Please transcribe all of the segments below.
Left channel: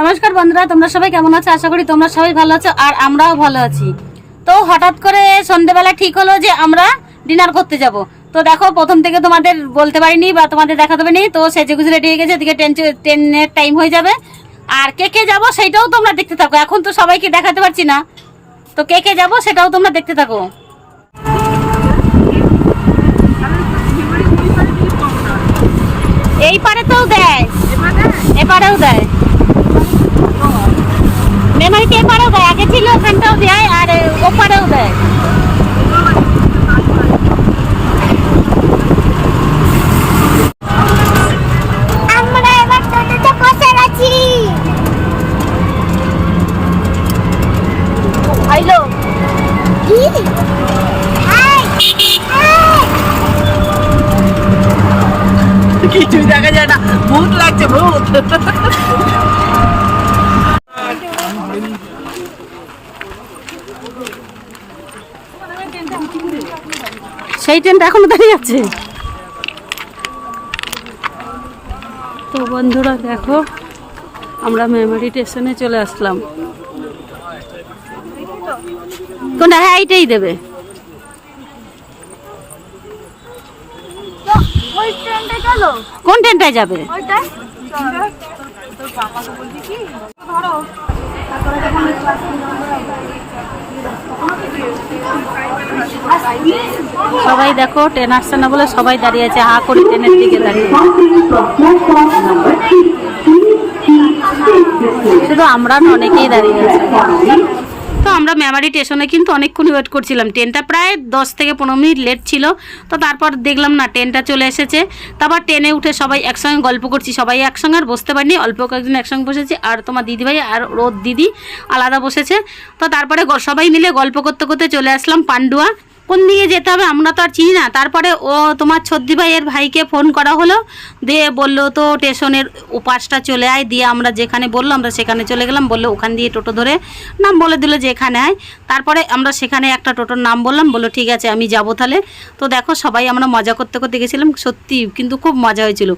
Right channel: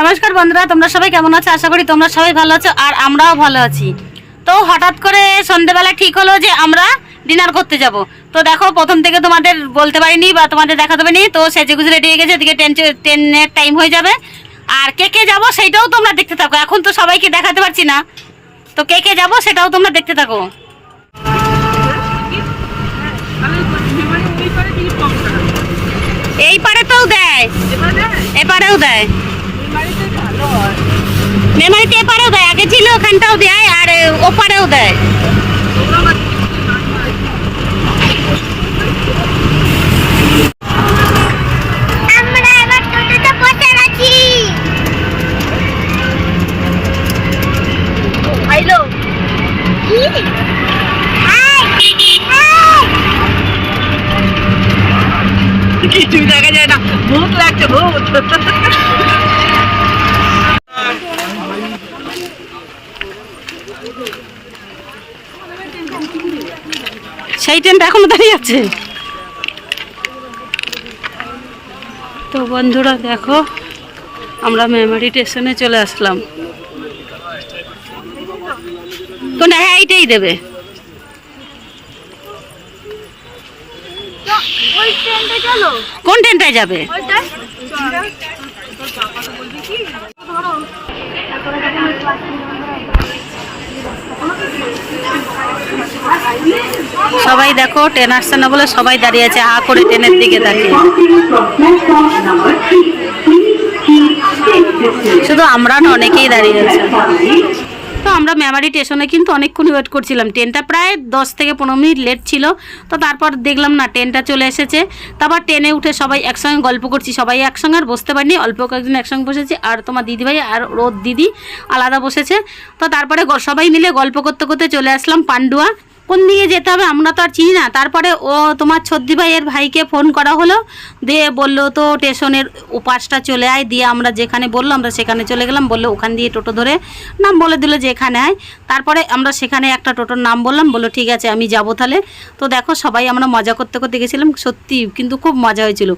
নমস্কার বন্ধুরা, তোমরা সবাই কেমন আছো? আশা করি তোমরা সবাই ভালো আছো আর আমরাও ভালো আছি। তো হঠাৎ করে সন্ধেবেলা ঠিক হলো যে আমরা ডিনার করতে যাব। তো দেখো, প্রথম থেকে তোমাদের বলতে পারিনি বা তোমাদের দেখাতে পারিনি। তো সেজে গুজে রেডি হয়ে গেছে, এদিকে ট্রেন ট্রেনের টাইম হয়ে যাবে। আর কে কে যাব সেইটাও তোমরা দেখতে থাকো। এখন তো সবাইকে দেখাতে পারছি না। তো কে কে যাব সেটাও তোমরা দেখতে থাকো। এই পারে তো দেয়। এপারেও দেয়। মেমোরিতে এপারেও দেয় আগে ছিল ওখানটাও দেয় আর ওপারেও দেয়। আমরা এবার টোটোতে বসে আছি। আইলো? কি? Hi hi. কিছুই দেখা যায় না? ভূত লাগছে ভূত। সেই ট্রেনটা এখনও দাঁড়িয়ে আছে। তো বন্ধুরা দেখো আমরা মেমোরি স্টেশনে চলে আসলাম। কোনটা হ্যাঁ এইটাই দেবে। কোন ট্রেনটায় যাবে? সবাই দেখো ট্রেন আসছে না বলে সবাই দাঁড়িয়ে আছে, হা করে ট্রেনের দিকে তাকিয়ে। শুধু আমরা না, অনেকেই দাঁড়িয়ে আছে। তো আমরা মেমারি স্টেশনে কিন্তু অনেকক্ষণ ওয়েট করছিলাম। ট্রেনটা প্রায় দশ থেকে পনেরো মিনিট লেট ছিল। তো তারপর দেখলাম না ট্রেনটা চলে এসেছে। তারপর ট্রেনে উঠে সবাই একসঙ্গে গল্প করছি। সবাই একসঙ্গে আর বসতে পারিনি। অল্প কয়েকজন একসঙ্গে বসেছি। আর তোমার দিদিভাই আর রোদ দিদি আলাদা বসেছে। তো তারপরে সবাই মিলে গল্প করতে করতে চলে আসলাম পান্ডুয়া। কোন দিকে যেতে হবে আমরা তো আর চিনি না। তারপরে ও তোমার ছদ্দি ভাইয়ের ভাইকে ফোন করা হলো। দিয়ে বলল, তো স্টেশনের উপাসটা চলে আয়। দিয়ে আমরা যেখানে বলল, আমরা সেখানে চলে গেলাম। বলল, ওখান দিয়ে টোটো ধরে। নাম বলে দিল যে এখানে আয়। তারপরে আমরা সেখানে একটা টোটোর নাম বললাম। বলল, ঠিক আছে, আমি যাব তাহলে। তো দেখো, সবাই আমরা মজা করতে করতে গেছিলাম। সত্যি, কিন্তু খুব মজা হয়েছিল।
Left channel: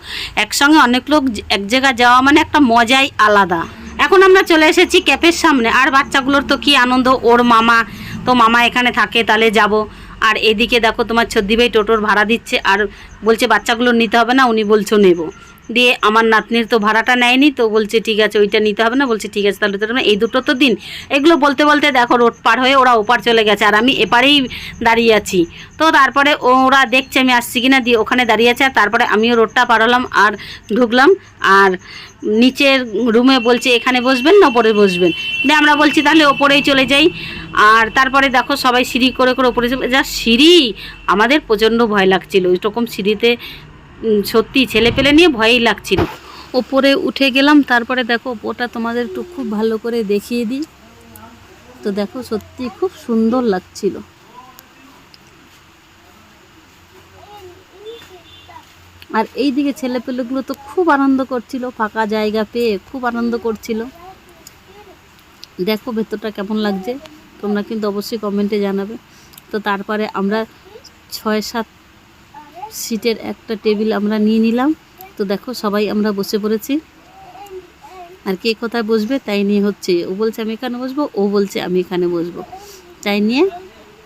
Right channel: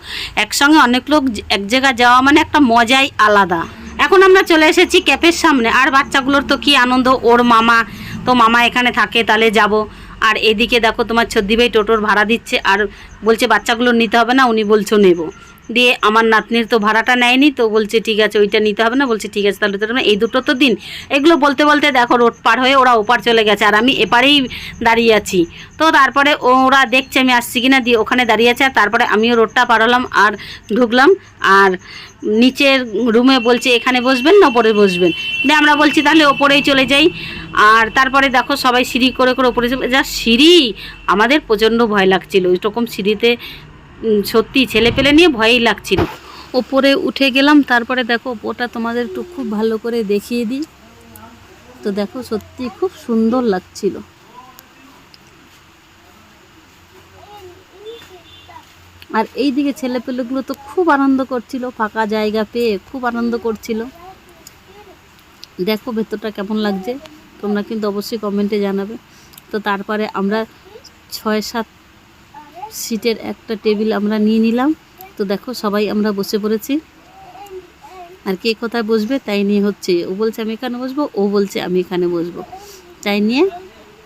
একসঙ্গে অনেক লোক, এক জায়গায় যাওয়া মানে একটা মজাই আলাদা। এখন আমরা চলে এসেছি ক্যাফের সামনে। আর বাচ্চাগুলোর তো কি আনন্দ, ওর মামা তো মামা এখানে থাকে, তাহলে যাব। আর এদিকে দেখো তোমার ছদ্দি ভাই টোটোর ভাড়া দিচ্ছে, আর বলছে বাচ্চাগুলো নিতে হবে না, উনি বলছো নেব। দিয়ে আমার নাতনির তো ভাড়াটা নেয়নি, তো বলছে, ঠিক আছে, ওইটা নিতে হবে না। বলছে, ঠিক আছে, তাহলে তো এই দুটো তো দিন। এগুলো বলতে বলতে দেখো, রোড পার হয়ে ওরা ওপার চলে গেছে, আর আমি এপারেই দাঁড়িয়ে আছি। তো তারপরে ওরা দেখছে আমি আসছি কিনা, দিয়ে ওখানে দাঁড়িয়ে আছে, আর তারপরে আমিও রোডটা পার হলাম আর ঢুকলাম, আর নিচের রুমে বলছে, এখানে বসবেন না, ওপরে বসবেন? দিয়ে আমরা বলছি, তাহলে ওপরেই চলে যাই। আর তারপরে দেখো, সবাই সিঁড়ি করে করে ওপরে যা সিঁড়ি! আমাদের প্রচণ্ড ভয় লাগছিল, ওইরকম সিঁড়িতে সত্যি ছেলে পেলে নিয়ে ভয়ই লাগছিল। ওপরে উঠে গেলাম, তারপরে দেখো ওপরটা তোমাদের একটু খুব ভালো করে দেখিয়ে দিই। তো দেখো সত্যি খুব সুন্দর লাগছিল। আর এই দিকে ছেলেপেলেগুলো তো খুব আনন্দ করছিল, ফাঁকা জায়গা পেয়ে খুব আনন্দ করছিল। দেখো ভেতরটা কেমন লাগছে, তোমরা কিন্তু অবশ্যই কমেন্টে জানাবে। তো তারপরে আমরা ছয় সাত সিটের একটা টেবিল আমরা নিয়ে নিলাম। তো দেখো, সবাই আমরা বসে পড়েছি। আর কে কোথায় বসবে, তাই নিয়ে হচ্ছে, ও বলছে আমি এখানে বসবো, ও বলছে আমি এখানে বসবো। তাই নিয়ে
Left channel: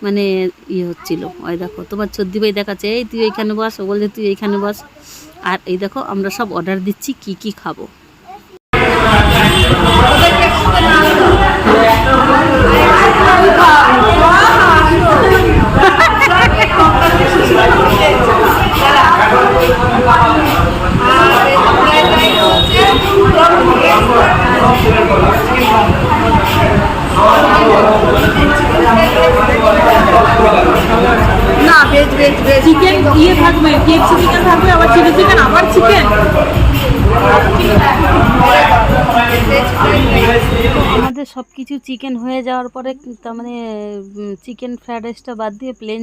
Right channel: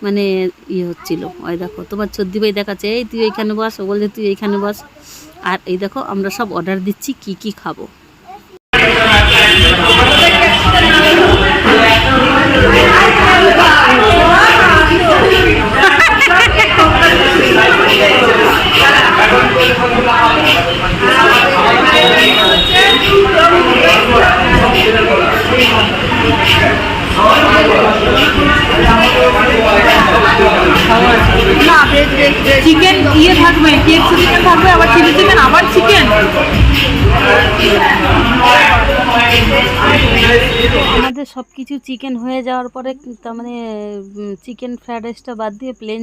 মানে ইয়ে হচ্ছিল। ওই দেখো, তোমার সর্দি ভাই দেখাচ্ছে, এই তুই এখানে বস। ও বলছে, তুই এইখানে বস। আর এই দেখো, আমরা সব অর্ডার দিচ্ছি, কি কি খাব। চিকেন পরে তার মানে চিকেন ফ্রায়েড রাইসটা বাদ দিয়ে plain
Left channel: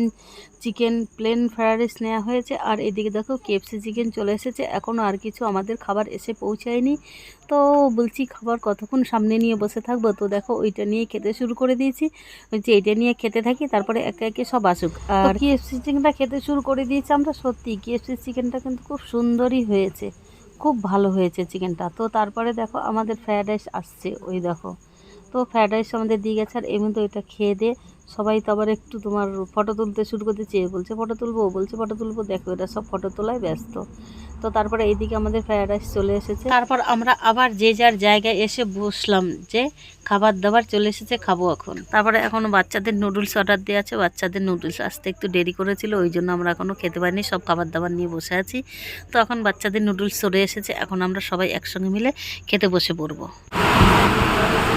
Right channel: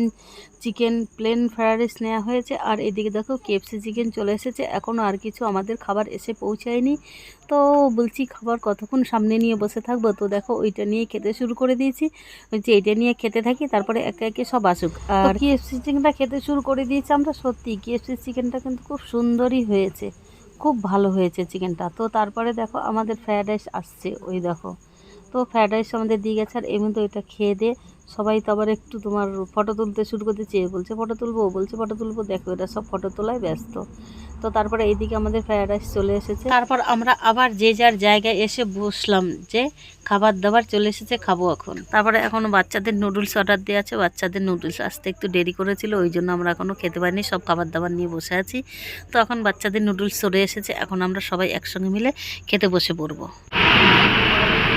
chicken plain fried rice নেওয়া হয়েছে। আর এদিকে দেখো কেএফসি চিকেন চলে এসেছে। এখনও আর কিছু আমাদের খাবার এসে পৌঁছায়নি। তো বলছি খাবার কতক্ষণ সামনে নিয়ে বসে থাকব? তো দেখো ওইটা নিয়ে খেতে শুরু করে দিয়েছি। বলছি এইটা নিয়ে খেতে থাকি তারপরে একে একে সব আসুক। আর কেএফসি চিকেনটা খেতে শুরু করে দিয়েছি আমরা সত্যি। কেএফসি চিকেনটা কিন্তু খুব সুন্দরই হয়েছে। খুব ভালো হয়েছে চিকেনটা তো তারপরে দেখো আমাদের ফ্রায়েড রাইস আসছে। ওই দেখো। তো ফ্রায়েড রাইস আমাদের দিয়ে গেছে। আর এমনি তো এটা খেয়ে দিয়ে সবাই তো আবার একটু তোমার ফটো তুলতে শুরু করতে চেয়ে বলছে ফটো তুলবো বলছে ফটো তুলবো। দেখো এটা সব ফটো তোলায় ব্যস্ত। তো তারপরে এইদিকে আমাদের ফ্রায়েড রাইস চলে এসেছে। তারপর আমরা আবার যে যার জায়গায় এসে বসলাম যে খাবার দাবার চলে এসেছে, খাব এখন। তারপরে এখনও বাচ্চাদের নুডলস অর্ডার দেওয়া আছে। বাচ্চাদের নুডলস আসতে একটু দেরি করেছিল, ওই জন্য আমরা এখনও খেতে পারিনি। সব খাবার দাবার নিয়ে বসে আছি। তো এখন বাচ্চাদের নুডলস চলে এসেছে। এখন আমরা সবাই একসঙ্গে মিলে খেতে বসে পড়ব।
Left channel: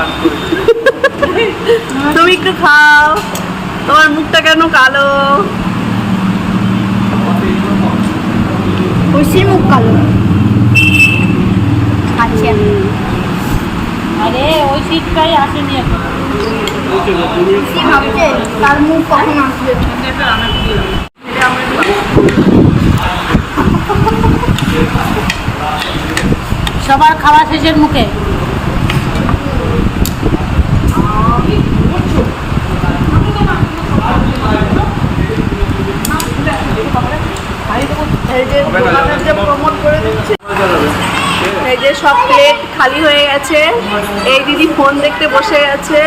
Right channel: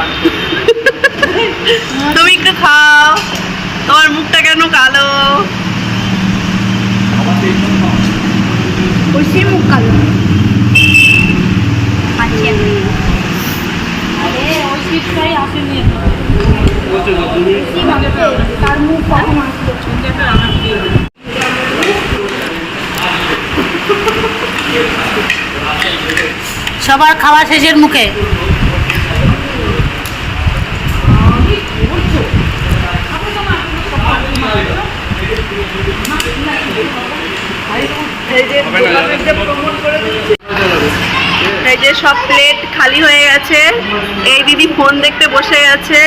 তুমি একটু খাও। তোমার মুখটা কেন কালো? মুখ কালো? আচ্ছা। আরে ওই সিটটাই আসেনি তার মুখ কখন আসবে? সবার খাওয়া শেষের মুখে। এই যে সব প্লেট খালি হয়ে গেছে। এই দিদি ফোন দেখতে বসে গেছে।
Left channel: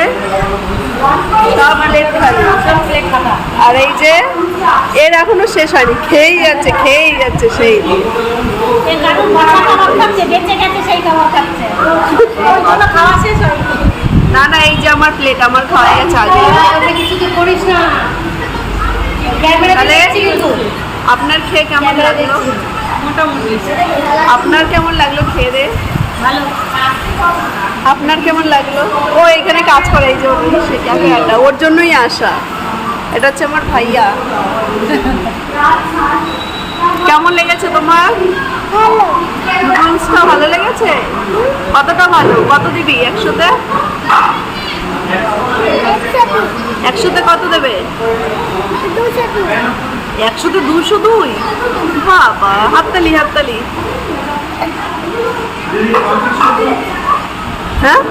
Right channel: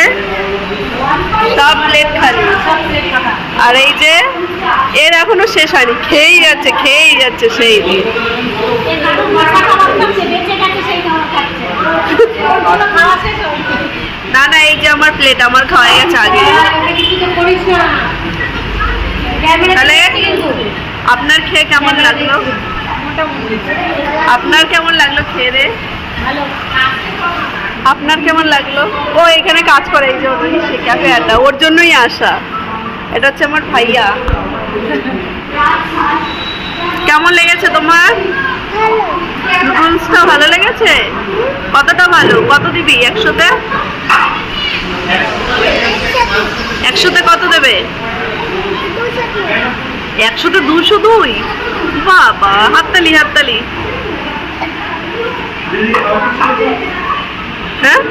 সব প্লেট খালি। আর এই যে, এর এখনও শেষ হয়নি। খেয়েই যাচ্ছে খেয়েই যাচ্ছে সেই না না, এই যে আমার প্লেট, আমার খাওয়া গেছে আগে। তাহলে আপনার খেয়ে কেমন লাগল? আপনার কেমন লাগল খেয়ে দে? আপনার কেমন লাগল? ও এখানে কাজ করে এই যে ওর সে ক্যাফে আড্ডা ওর জন্যই আসা। এটা হচ্ছে আমার ভাইয়া। কেমন লেগেছে তোমার? নুডলসটা ভালো লেগেছে? কতটা ভালো? কত দিবি একশোতে। একশোতে কত দেবে? একশোতে দুশো দুই? বাবা, হাততালি হাততালি। হ্যাঁ?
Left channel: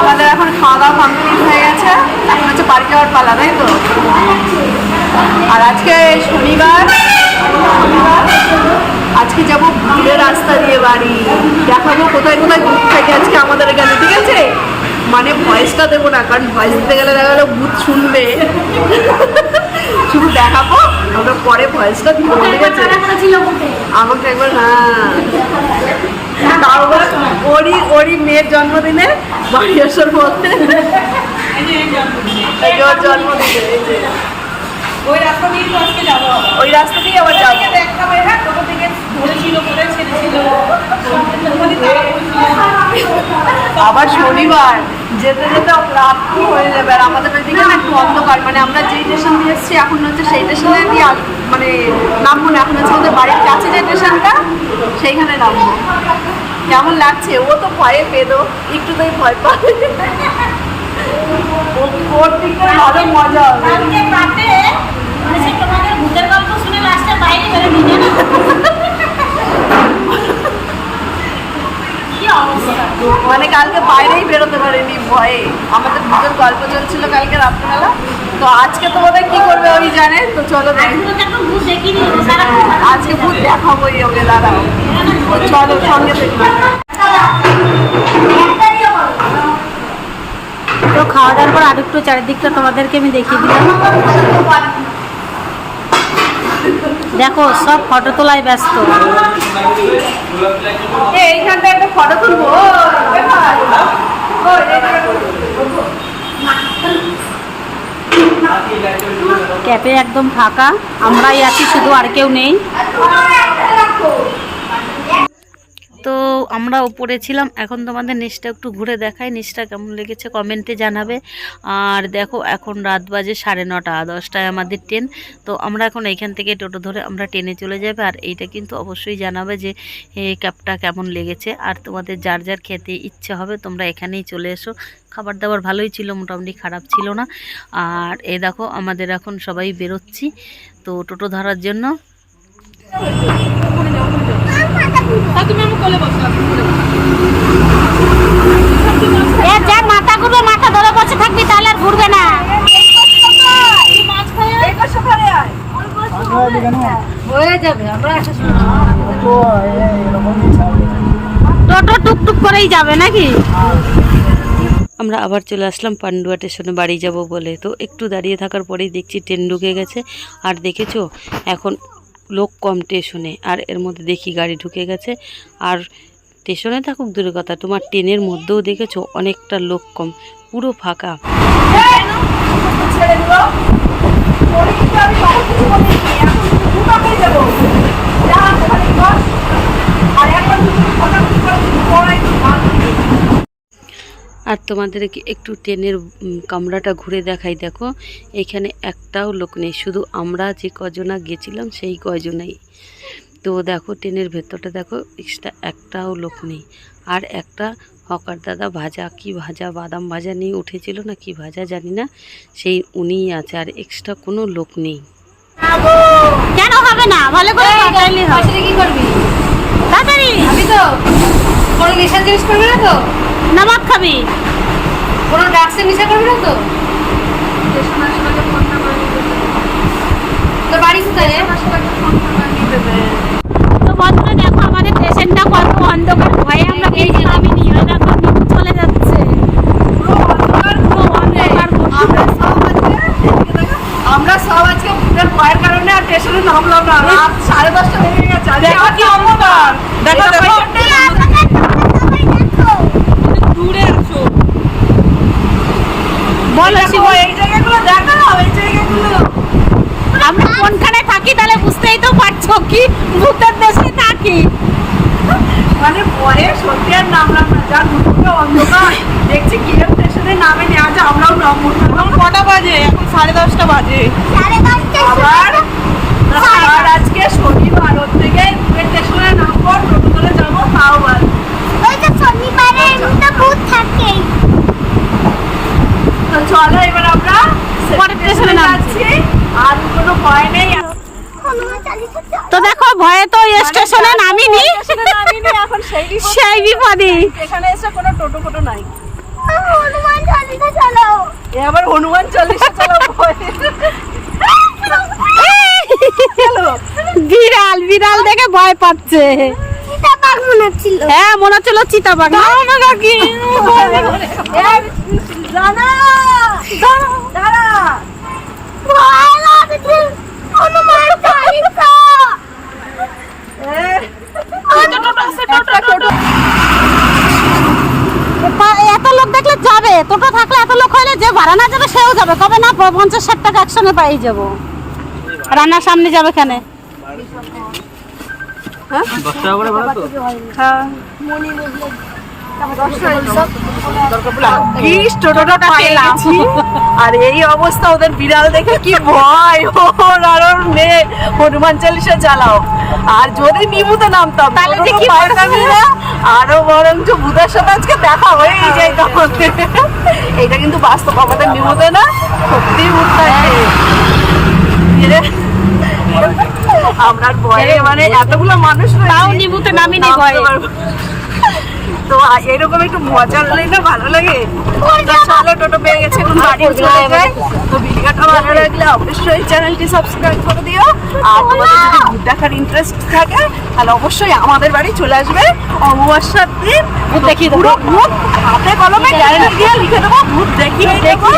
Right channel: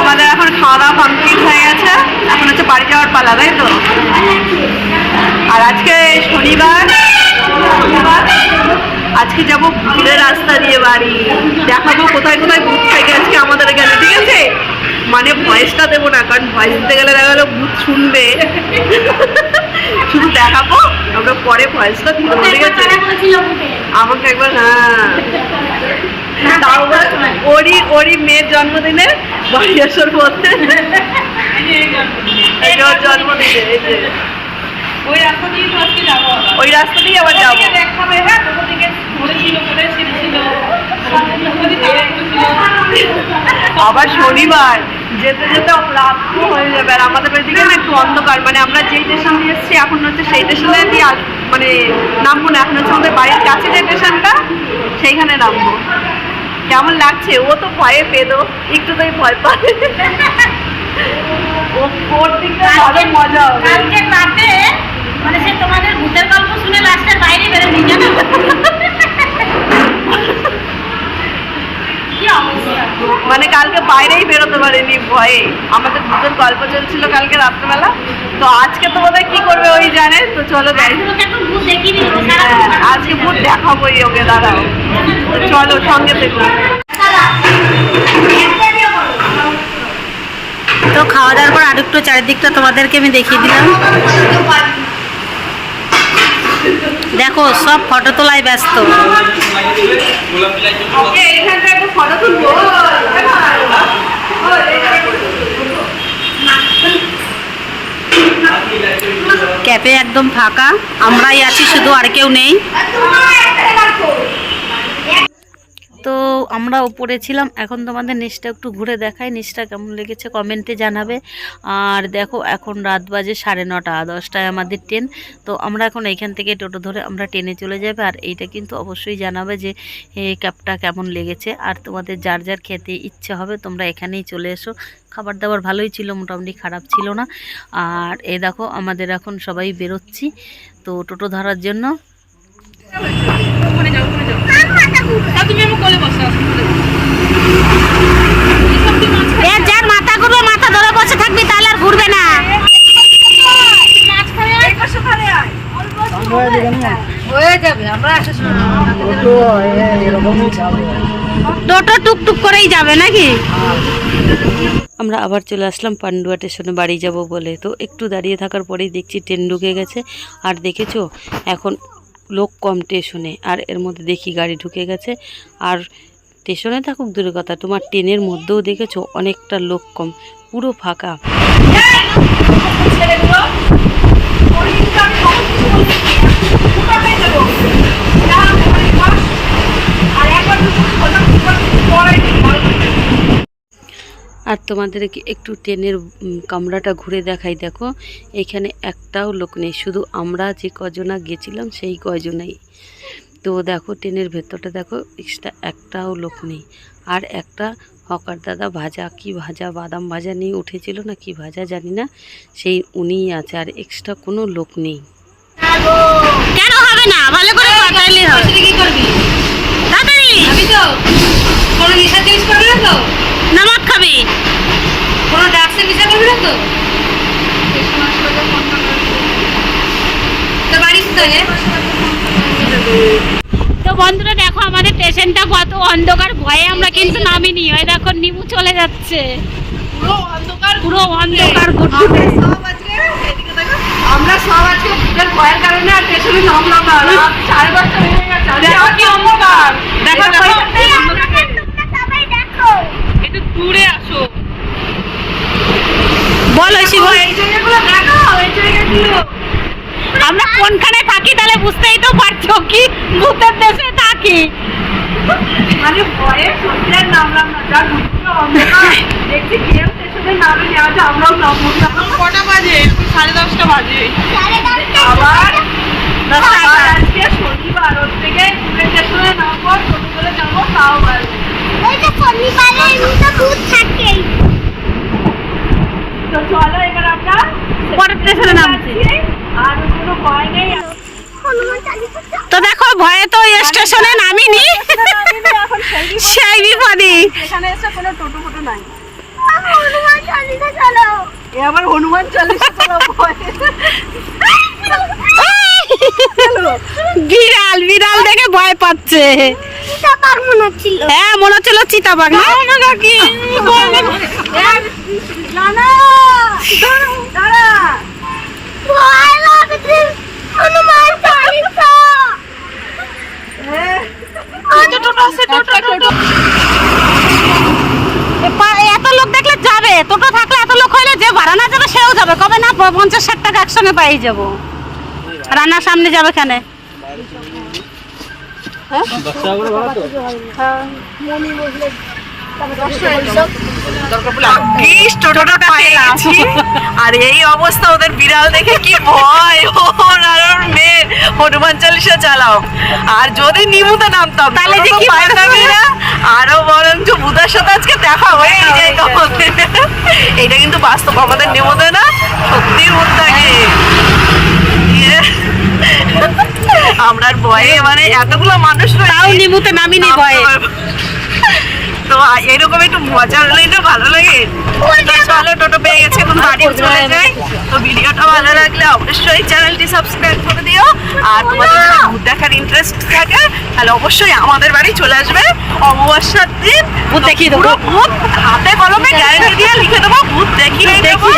আমাদের এখন খাওয়া দাওয়া কমপ্লিট হয়ে গেছে। এখন হচ্ছে বাড়ি যাওয়ার পালা, তাই তো? আর আজকে শনিবার শনিবার। আজকে যাব ভুলের রাস্তা দিয়ে বাড়ি। দেখাবো কোথায় কোথায় ভূত থেকে আজকে আমাদের এখানে, ঠিক আছে? মানে ভয়েসটা দেবো না কারণ ভয়েস দিতে গেলে দেখা গেলো ভূত শুনবে। শুধু দেখাবো আমরা পরে ভয়েসটা দিয়ে দেবো ঠিক আছে? আমাকে একবার হ্যাঁ। তাও ওরই ওরই মেয়ের জন্মদিনে বাড়ি আসার পথে জন্মদিনে। ওই রাস্তা দিয়ে তো আজকে যাব আবার। ওই রাস্তা দিয়ে আবার যাব। দেখাবে, হ্যাঁ, দিকে ধরেছিল, কোথায় ছেড়েছিল, আবার শনিবার যেতে যেতে রাত হয়ে যাবে। আর আমাদের এদিকে না একটু অন্ধকার। মানে আমরা যেই স্টেশন দিয়ে এসেছি এখন হচ্ছে সেই স্টেশনে দিয়ে মানে নামবো না। এখন হচ্ছে আমাদের বাড়ির কাছে যে স্টেশনটা সেইখানে নামবো। কেমন লাগছে? ও তো ভয়ে পেদো। একটুতেই ভয় ও- ওর দিকটা ভালো মজা হবে। মানে সে তোমাদের ভূতের গল্প শুনে লাস্টে বাইরে বেরোনি জানো মানে কালকে বাইরেই বেরোতে পারিনি ভয়ে। আমাদের ভূতের গল্প চলছিল কালকে রাত্রেবেলা। তো আজকে তো বোধহয় কি করবে ওই জানে? তো চলো দেখ তোকে ভূত হ্যাঁ, আজকে ভূত দেখাবোই ওকে দাঁড়াও। তো চলো সঙ্গে থেকো। তো খাওয়া দাওয়ার পর আরেকটু চারিদিকটা তোমাদেরকে আমি দেখিয়ে দিলাম। দেখো সব ফটো তোলায় ব্যস্ত। ক্যাফে একদম ফাঁকা আমরাই আছি শুধু আর কেউ নেই। তো আমরা ওপরে ছিলাম। এখন তোমাদের নিচটা একটু ঘুরে দেখাই। নিচটা কেমন লেগেছে কমেন্টে জানাবে। আর দেখো, এখন রাত বাজে সাড়ে নটা, দশটায় আমাদের ট্রেন তো আমরা এখন এইখান থেকে টোটো ধরে আমরা ট্রেনে চলে যাবে। আর এইটা কিন্তু অবশ্যই জানাবে যে ক্যাবটা কেমন লেগেছে। আর তোমাদের যার যার খেতে ইচ্ছে হবে, তোমরা এখানেই চলে এসো। খাবার দাবার ভালোই ছিল, মোটামুটি খারাপ ছিল না। আর এই দেখো, আমাদের এখন সবাই বেরোচ্ছি। তো টোটো ধরার জন্য ওখানে যাও ওখানে যাও। আর তুমি আমি কোলে বসে আছো যা মাথা ঘুরবে মাথা ধরে বসে থাকবি তাহলে আর ঘুরবে না। টোটো টুকটুক করেই যাবে নাকি? আমরা আবার চলে আসলাম পান্ডুয়া স্টেশনে বাড়ি যাব বলে। তো একটু দাঁড়িয়ে থাকার পরেই দেখছি ট্রেন ঢুকে গেছে। আর দেখেছ এখন লোক কম স্টেশনে, আর এর মধ্যে দেখি গাড়ি ঢুকে গেছে। আর স্টেশনে থাকুক দূরের কথা, তোমার ট্রেনের মধ্যেও দেখেছ অনেকটা লোক কম, পুরো ফাঁকা। ছেলেগুলো শরীরটা আমি কখন কিছু বলিনি এখন মোটা হয়ে যাব যা ওখানে বস আর একবার দুটো কথা পড়াই আর তোমাদেরকে একটু ট্রেনের কামরাটা ঘুরে দেখাই দেখো। এখানে একটাও লোক নেই শুধু আমরা যে কজনা গেছিলাম সেই কজনেই তো দেখো ট্রেনের ভেতরটা দেখো এক্সট্রা একটাও লোক নেই। আর একটা হকার দাদা ভাজা কি ভাজা বাদাম ভাজা নিয়ে উঠেছিল না কি ভাজা জানি না সেই উনিই আছে আর এক্সট্রা কোনো লোক নেই। কেন হবে না? ভালো করে তাড়াতাড়ি হবে কি করবি তাড়াতাড়ি আমি তো কোনো নেশার জিনিস করবি তো? নামাক খাবি। কোনো ড্রাগসের নেশা করবি না তো? তো বাড়ি কোথায়? তো বন্ধুরা দেখো আমাদের স্টেশনটা কত অন্ধকার। ভয়ে আমরা কিন্তু নামিনি ওই দেখো নিমু চলে যাচ্ছে। পুরো অন্ধকার আমরা সব আজকে ভূতের ভয়ের কারণে আর স্টেশনে নামলাম না। রাত সাড়ে দশটা হয়ে গেছে। দেখো কি অন্ধকার? দেখো দেখো। দূরে আসো। বলো শিব এই জায়গাগুলো দেখো এই জায়গাগুলো। আমরা কোনখানে থাকি তাহলে বুঝতেই তো পারছ কি? ভূতের দেশে থাকি। মানে ভয়ে সত্যি আর নামলাম না যা ঢুকলো অন্ধকার দেখছি কি স্টেশনে নামেনি আজ আমরাও নামবো কটা বাজে? এখন সাড়ে দশটা বাজে। আবার? আজকে শনিবার ওর থেকে স্টেশনে নামবো টোটো করে যাব তাও তো শনিবারে এমনি তো ভূত থাকেই তো চলো এবার আমরা পরের স্টেশনে নামছি। আর কোনো ভয় নেই। তো দেখো ভয়ে তো স্টেশনে নামিনি। নামিনি, সেই বিপদ। এসে কোনো টোটো ফোটো নাই। হনুমান চলো। চলো ভয়। বিড়াল বিড়াল দেখে ভয় পাচ্ছে। মনে ছিল। হ্যাঁ মনে হচ্ছিল চিতাবাঘ না? এত লোক দেখলে যাবে? টোটো থাকলে এত লোক হইলে যে ভাড়া না যাবে সেও যাবে। কবে না পঞ্চাশ ষাট টাকা একসঙ্গে পাই যাব। রান্নার সামনে যাবে কেন ভাগ্যিস টোটোটা পেয়ে গেছি আর এই অবস্থা ওদের বিড়াল দেখে কি ভয়। ওর আর হনুমান চালিশা চালাও। আর যদি নিমুতে নামতাম তাহলে যে কি আরও বরঞ্চ বুধার সাথে আজকে দেখা হয়েই যায় আমাদের এইটা কিন্তু বাস্তব আমাদের নিমুতে না সত্যি উঠতাকে ইয়ে। আমরা ভয়ে মানে এতগুলো মানুষ তাও নিমুতে নামিনি ভয়ে। এরকম একটু মজা হলেই না ভালো লাগে। তো চলো টোটো পেয়ে গেছে এখন বাড়ি চলে যাই। তো ভিডিওটা ভালো লাগলে অবশ্যই চ্যানেলটি সাবস্ক্রাইব করে দিও। আর তোমাদের যদি ভূত দেখার ইন্টারেস্ট থাকে তাহলে অবশ্যই আমাদের বাড়ি চলে আসবে। অমাবস্যার দিন। ভূত দেখিয়ে দেবো। পুরো ভূত হাতে কলমে গ্যারেন্টি দিয়ে লিখে দেবো ভূত দেখিয়ে দেবো।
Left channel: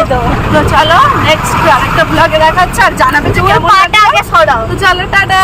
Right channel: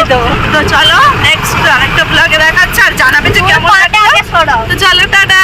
তো চলো নেক্সট আরেকটা ব্লগে দেখাচ্ছে আর জানাবে যে কেমন লাগছে। তো চলো টাটা।